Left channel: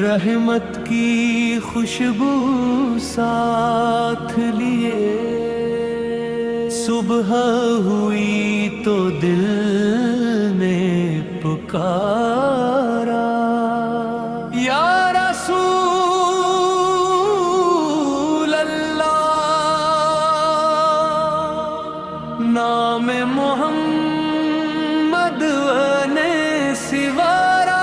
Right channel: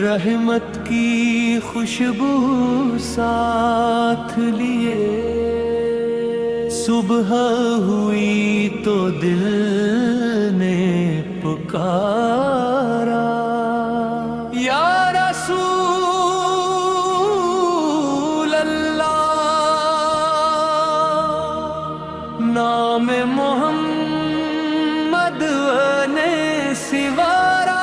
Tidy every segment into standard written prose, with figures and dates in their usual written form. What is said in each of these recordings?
رحمت کی خوشبو ساتھ لیے صبح ہوئی تو دل نے پکارا، یا رسول اللہ، نام محمد نے سوارا،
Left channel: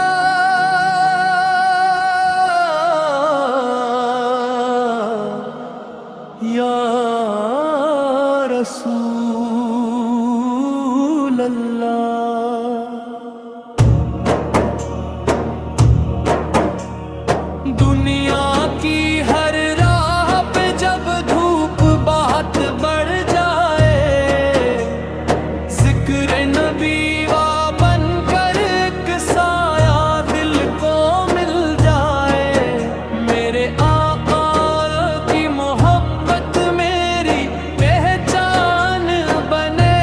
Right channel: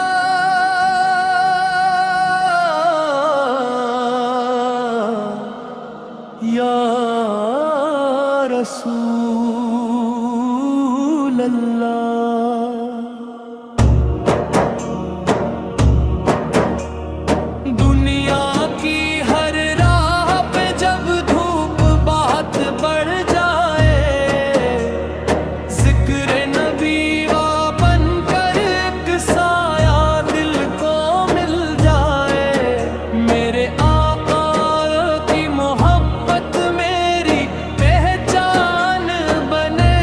یا رسول اللہ۔ دنیا کی ہر راہ پہ جب دھوپ بہت بڑھ جائے، ذکر نبی وا بن کر ایک سایہ دل کو مل جائے، میرے آقا کی محبت میری پہچان بنے،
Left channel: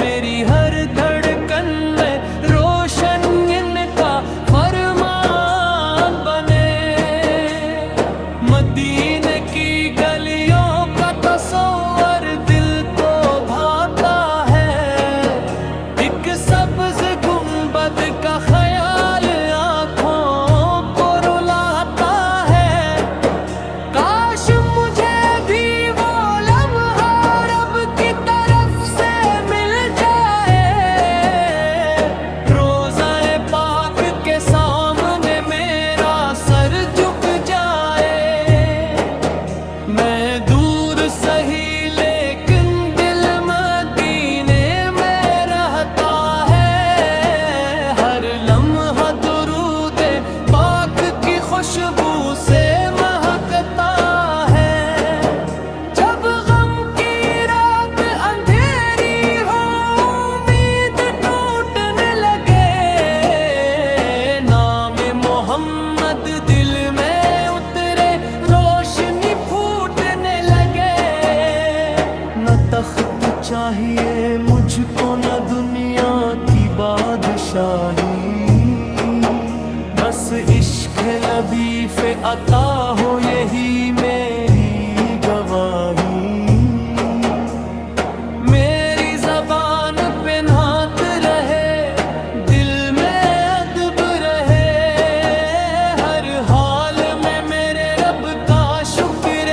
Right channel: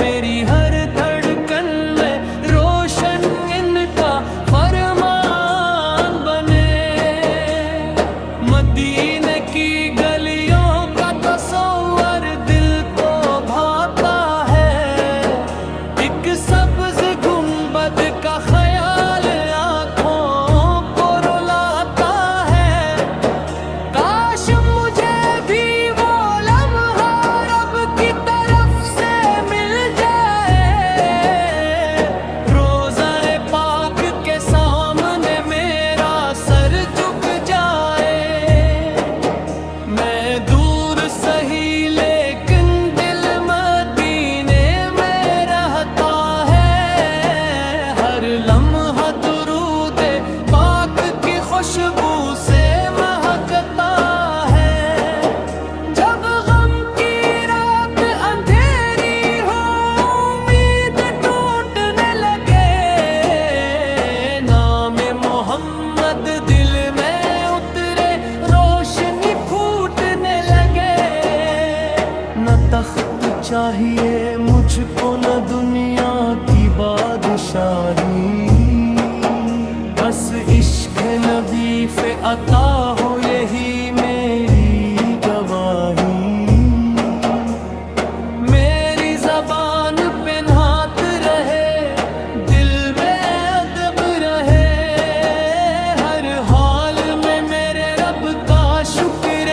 میری ہر دھڑکن میں روشن ان کا فرمان بنے، مدینے کی گلیوں کا تصور دل کو بھاتا ہے، ایک سبز گنبد کا خیال آنکھوں کو رلاتا ہے، کاش مجھے بھی وہ لمحہ رب کی طرف سے مل جائے، روضہ پاک کے سامنے میرا سر جھک جائے، میں دور سہی لیکن دل مدینے میں رہتا ہے، ہر لمحہ درود پاک کی خوشبو سے مہکتا ہے، جب غم کی رات اندھیری ہو امید ٹوٹنے لگے، نام محمد دل میں اترے روشنی پھوٹنے لگے، نہ تخت چاہیے مجھ کو نہ دنیا کی بادشاہی، بس عشق نبی پہ عطا ہو یہی میری گواہی، میری زبان پہ نعت رہے، دل میں ادب رہے، ہر حال میں میرے رب کا شکر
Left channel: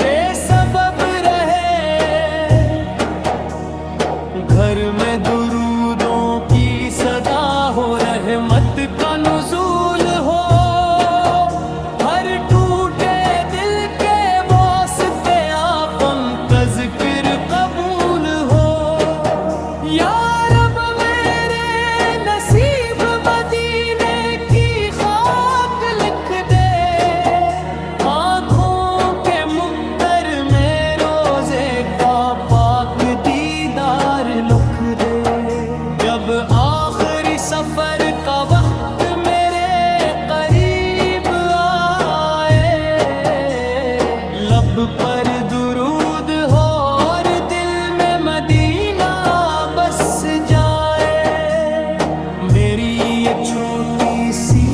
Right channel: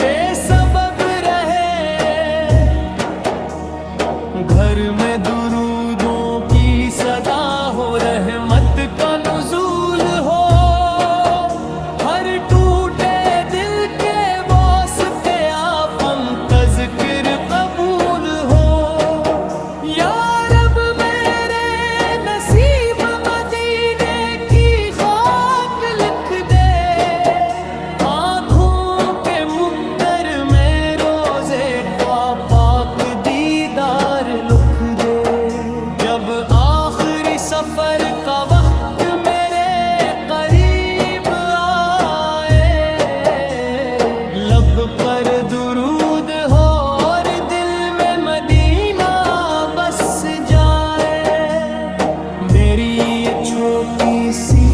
بے سبب رہے، گھر میں درودوں کی صدا ہو، رحمت کا نزول ہو، ہر ٹوٹے دل کے واسطے آپ کا ذکر قبول ہو، یا رب میرے نصیب مدینے کی خاک لکھ دے، آنکھوں کے مقدر میں روزے کا پاک دیدار لکھ دے، جب آخری سفر کا وقت میرے قریب آئے، لب پر درود ہو اور دل میں مدینہ بس جائے، میری یہ چھوٹی سی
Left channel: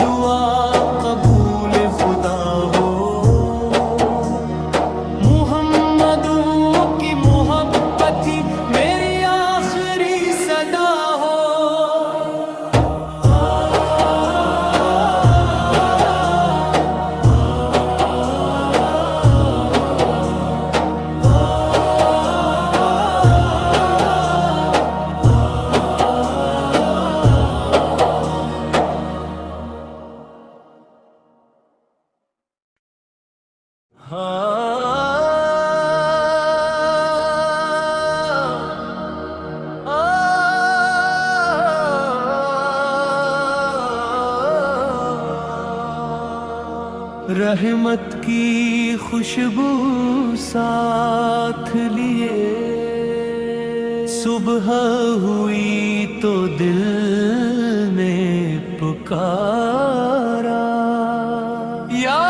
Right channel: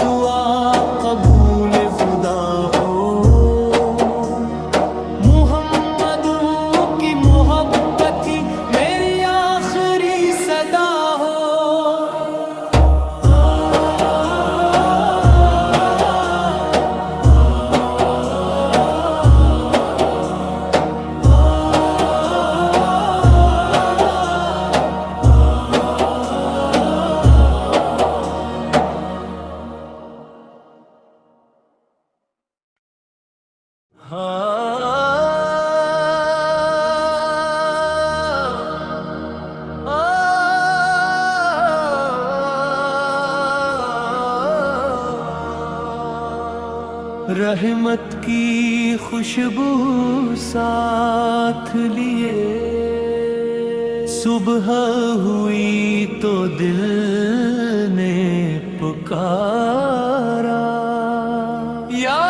دعا قبول خدا ہو، محمدوں کی محبت ہی میری آخری صدا ہو۔ رحمت کی خوشبو ساتھ لیے صبح ہوئی تو دل نے پکارا، یا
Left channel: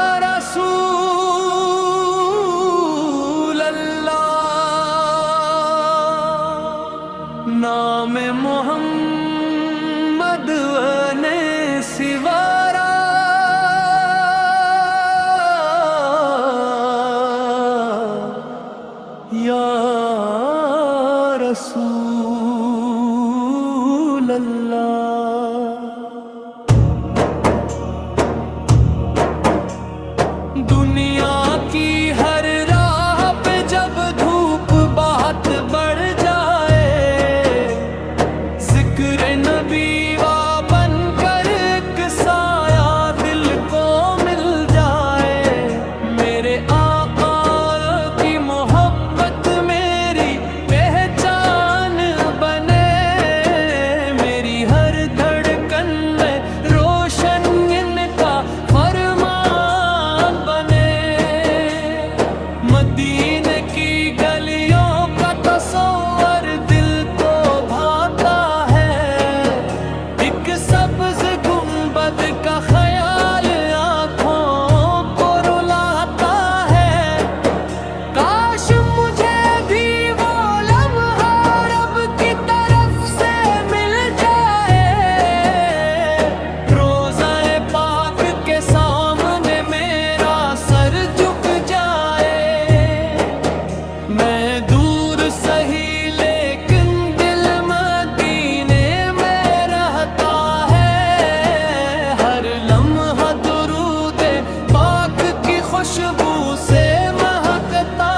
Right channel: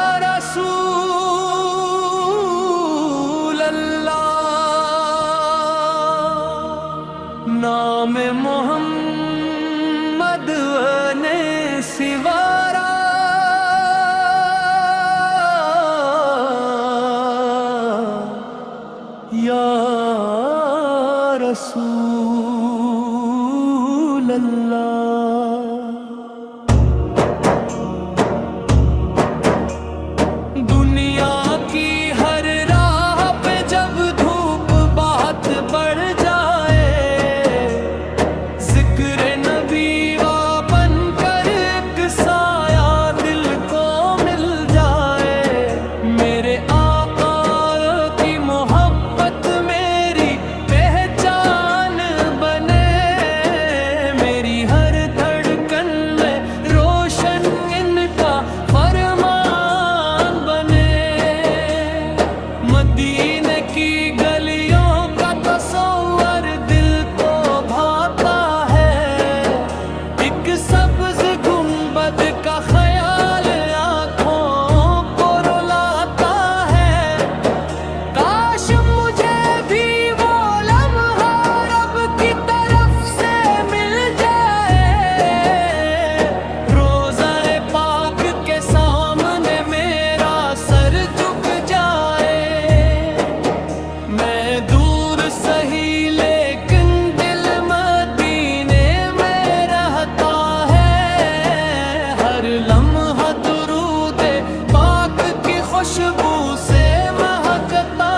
خوشبو سے مہکتا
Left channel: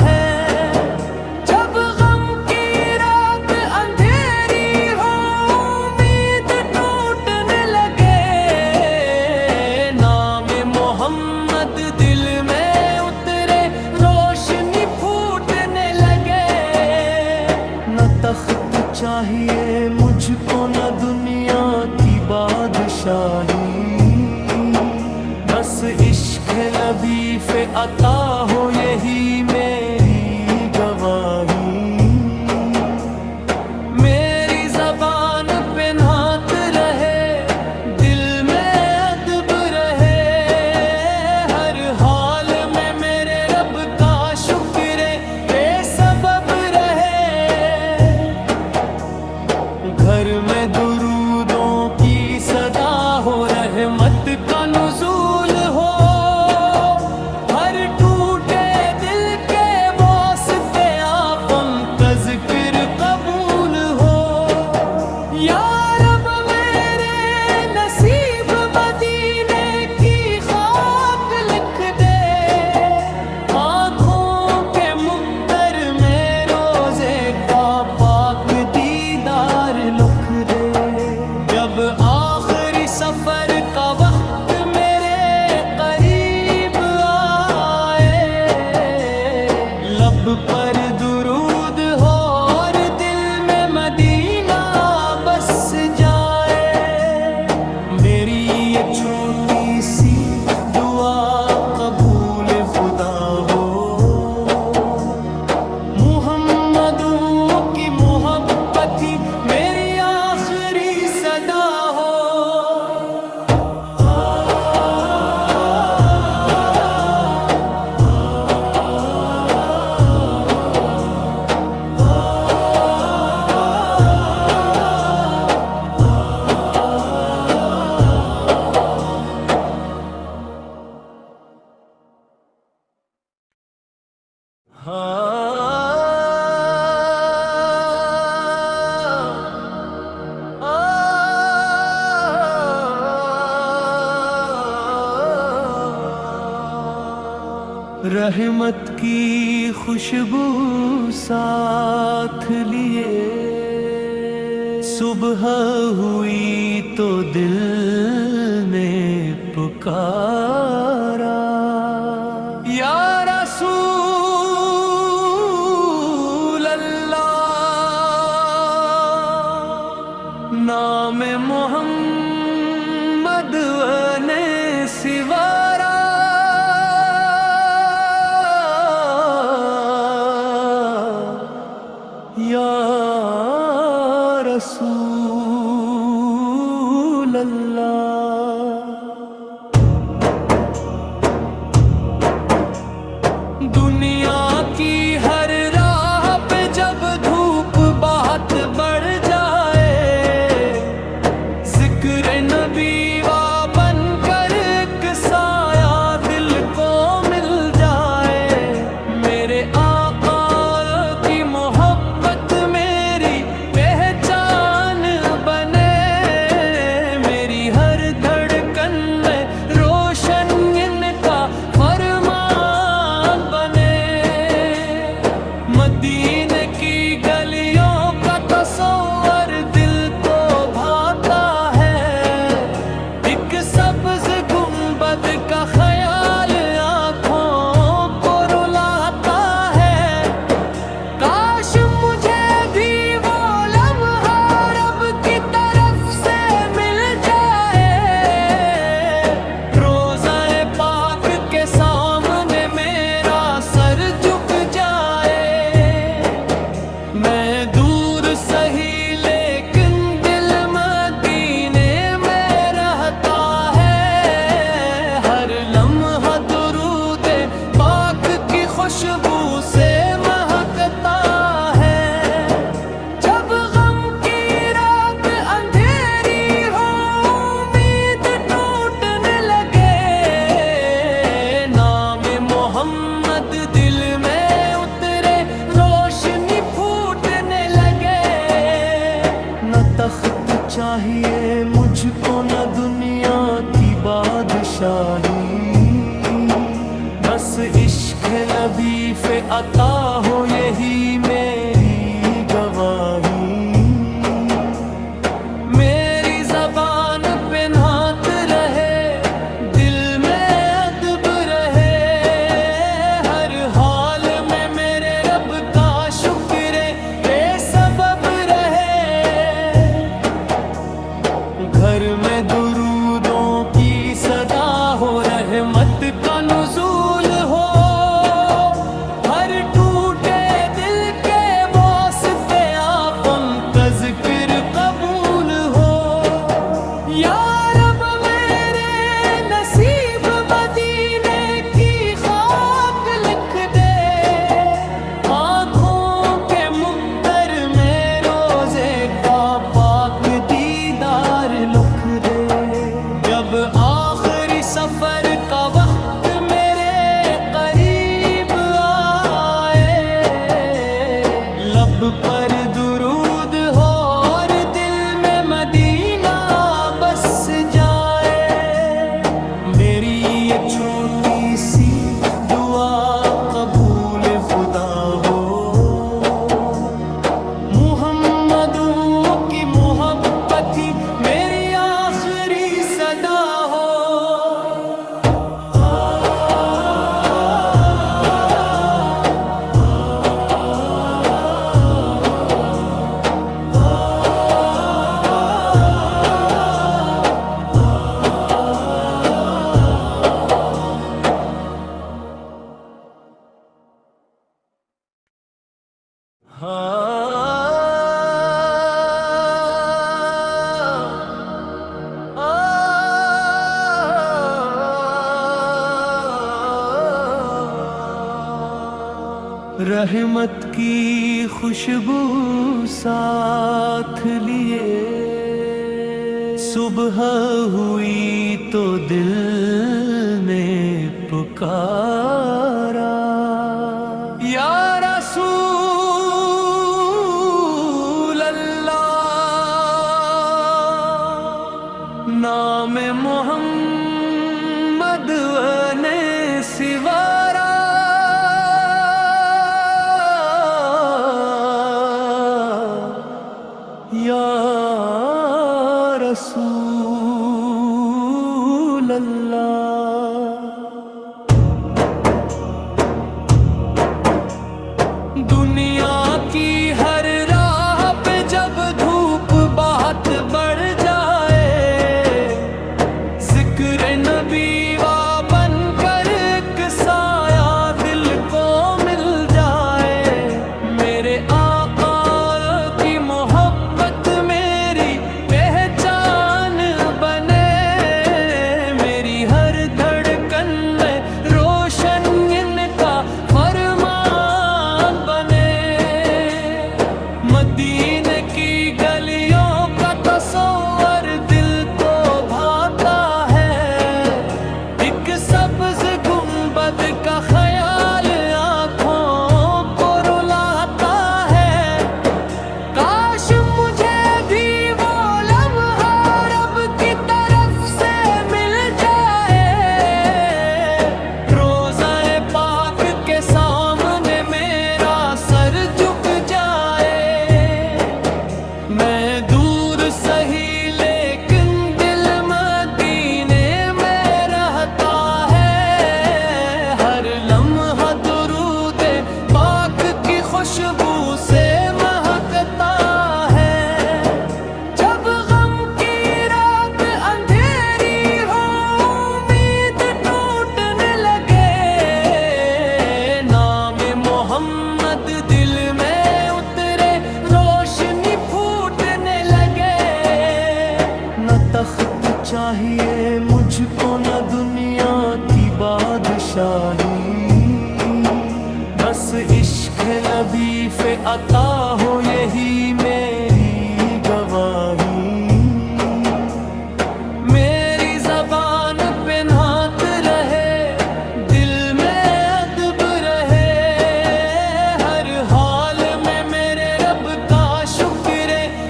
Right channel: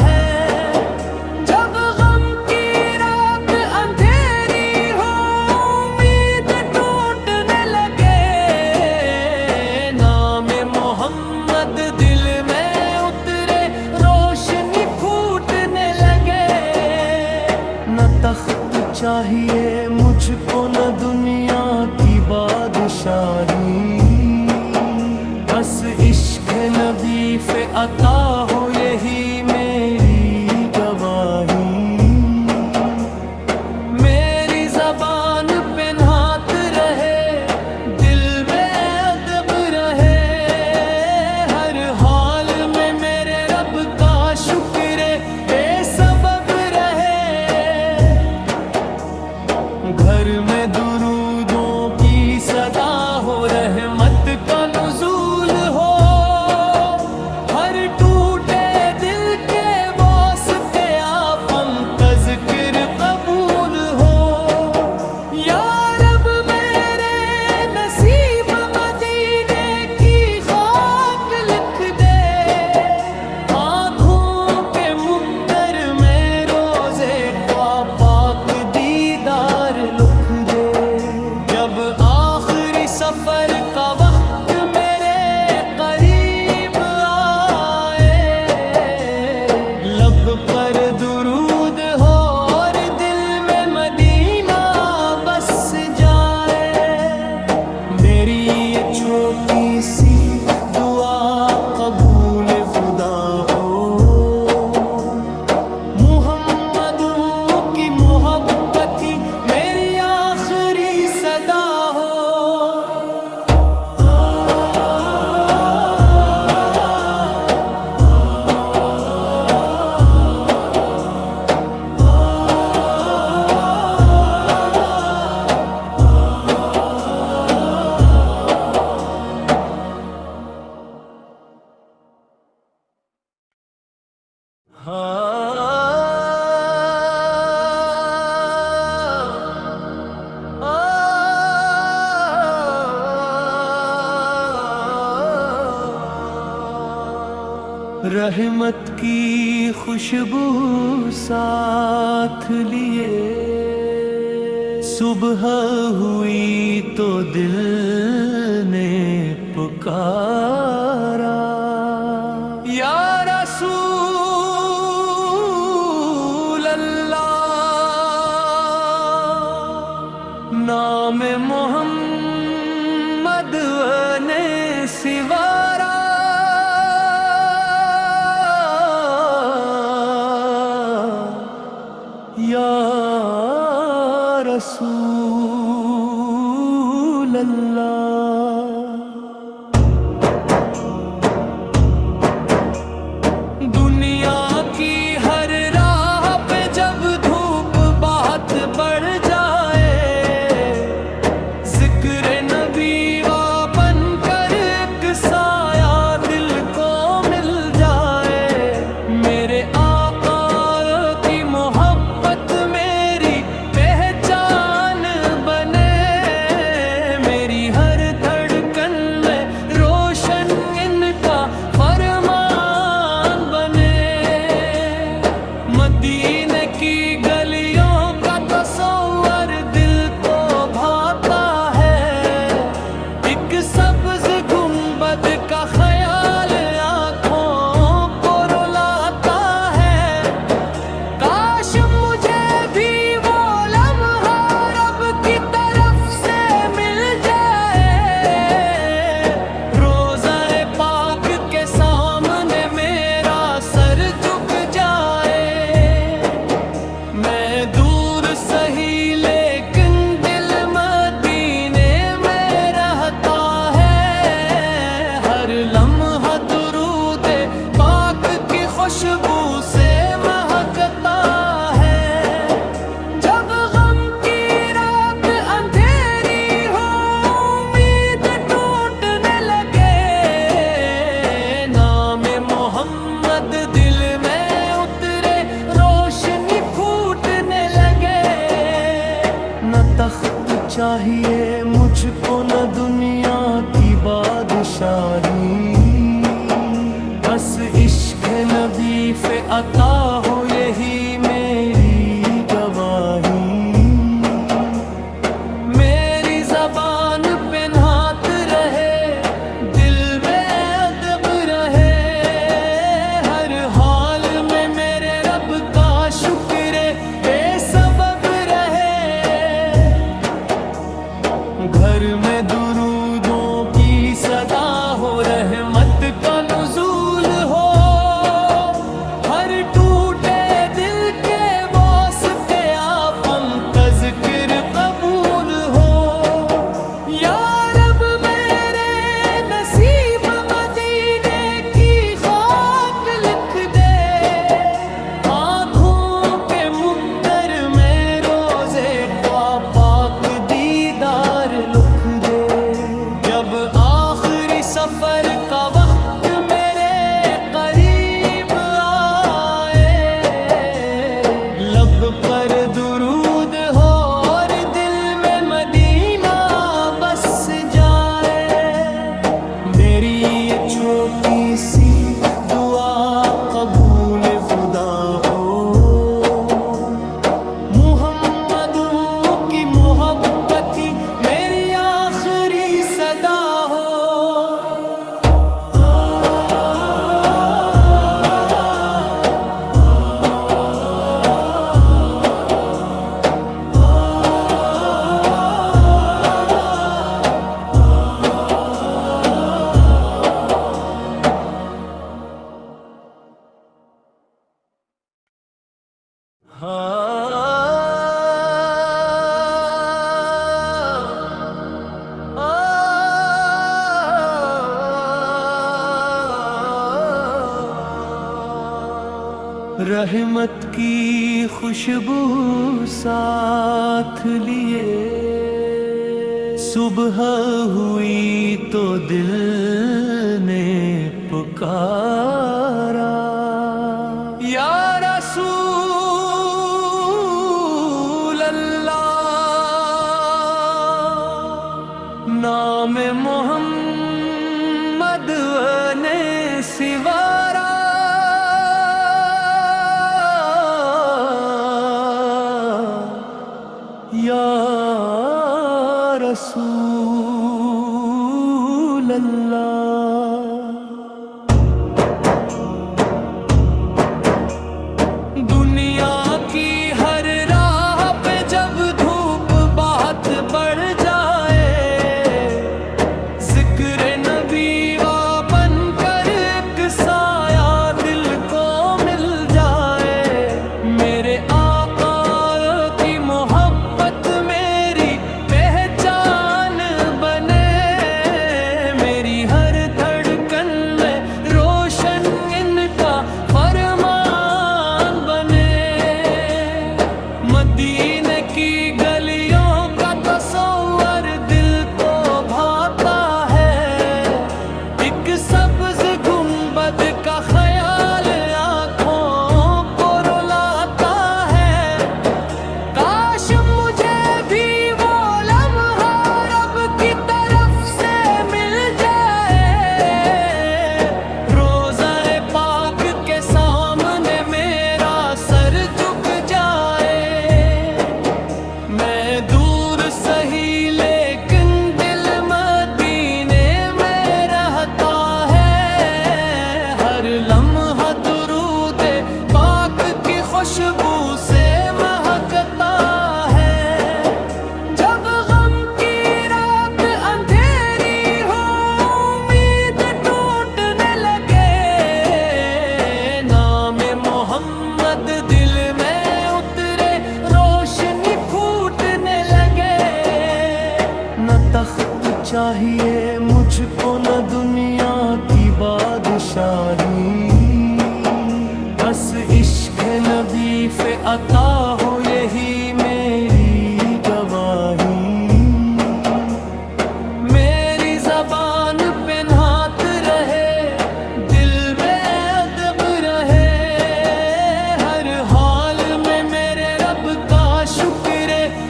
ہے۔ جب غم کی رات اندھیری ہو، امید ٹوٹنے لگے، نام محمد دل میں اترے، روشنی پھوٹنے لگے۔ نہ تخت چاہیے مجھ کو نہ دنیا کی بادشاہی، بس عشق نبی پہ عطا ہو یہی میری گواہی۔ میری زبان پہ نعت رہے، دل میں ادب رہے، ہر حال میں میرے رب کا شکر بے سبب رہے۔ گھر میں درودوں کی صدا ہو، رحمت کا نزول ہو، ہر ٹوٹے دل کے واسطے آپ کا ذکر قبول ہو۔ یا رب میرے نصیب مدینے کی خاک لکھ دے، آنکھوں کے مقدر میں روزے کا پاک دیدار لکھ دے۔ جب آخری سفر کا وقت میرے قریب آئے، لب پر درود ہو اور دل میں مدینہ بس جائے۔ میری یہ چھوٹی سی دعا قبول خدا ہو، محمدو کی محبت ہی میری آخری صدا ہو۔ رحمت کی خوشبو ساتھ لیے، صبح ہوئی تو دل نے پکارا، یا رسول اللہ، نام محمد نے سوارا۔ یا رسول اللہ، دنیا کی ہر راہ پہ جب دھوپ بہت بڑھ جائے، ذکر نبی وا بن کر ایک سایہ دل کو مل جائے۔ میرے آقا کی محبت میری پہچان بنے، میری ہر دھڑکن میں روشن ان کا فرمان بنے۔ مدینے کی گلیوں کا تصور دل کو بھاتا ہے، ایک سبز گنبد کا خیال آنکھوں کو رلاتا ہے۔ کاش مجھے بھی وہ لمحہ رب کی طرف سے مل جائے، روضہ پاک کے سامنے میرا سر جھک جائے۔ میں دور سہی لیکن دل مدینے میں رہتا ہے، ہر لمحہ درود پاک کی خوشبو سے مہکتا ہے۔ جب غم کی رات اندھیری ہو، امید ٹوٹنے لگے، نام محمد دل میں اترے، روشنی پھوٹنے لگے۔ نہ تخت چاہیے مجھ کو نہ دنیا کی بادشاہی، بس عشق نبی پہ عطا ہو یہی میری گواہی، میری زبان پہ نعت رہے، دل میں ادب رہے، ہر حال میں میرے رب کا شکر بے سبب رہے، گھر میں درودوں کی صدا ہو، رحمت کا نزول ہو، ہر ٹوٹے دل کے واسطے آپ کا ذکر قبول ہو، یا رب میرے نصیب مدینے کی خاک لکھ دے، آنکھوں کے مقدر میں روزے کا پاک دیدار لکھ دے، جب آخری سفر کا وقت میرے قریب آئے، لب پر درود ہو اور دل میں مدینہ بس جائے، میری یہ چھوٹی سی دعا قبول خدا ہو، محمدوں کی محبت ہی میری آخری صدا ہو۔ رحمت کی خوشبو ساتھ لیے، صبح ہوئی تو دل نے پکارا، یا رسول اللہ، نام محمد نے سوارا، یا رسول اللہ، دنیا کی ہر راہ پہ جب دھوپ بہت بڑھ جائے، ذکر نبی وا بن کر ایک سایہ دل کو مل جائے، میرے آقا کی محبت میری پہچان بنے، میری ہر دھڑکن میں روشن ان کا فرمان بنے، مدینے کی گلیوں کا تصور دل کو بھاتا ہے، ایک سبز گنبد کا خیال آنکھوں کو رلاتا ہے، کاش مجھے بھی وہ لمحہ رب کی طرف سے مل جائے، روضہ پاک کے سامنے میرا سر جھک جائے، میں دور سہی لیکن دل مدینے میں رہتا ہے، ہر لمحہ درود پاک کی خوشبو سے مہکتا ہے، جب غم کی رات اندھیری ہو امید ٹوٹنے لگے، نام محمد دل میں اترے روشنی پھوٹنے لگے، نہ تخت چاہیے مجھ کو نہ دنیا کی بادشاہی، بس عشق نبی پہ عطا ہو یہی میری گواہی، میری زبان پہ نعت رہے، دل میں ادب رہے، ہر حال میں میرے رب کا شکر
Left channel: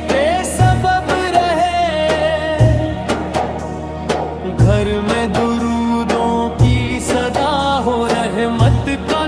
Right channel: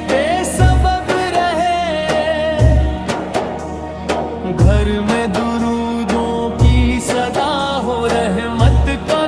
بے سبب رہے، گھر میں درودوں کی صدا ہو رحمت کا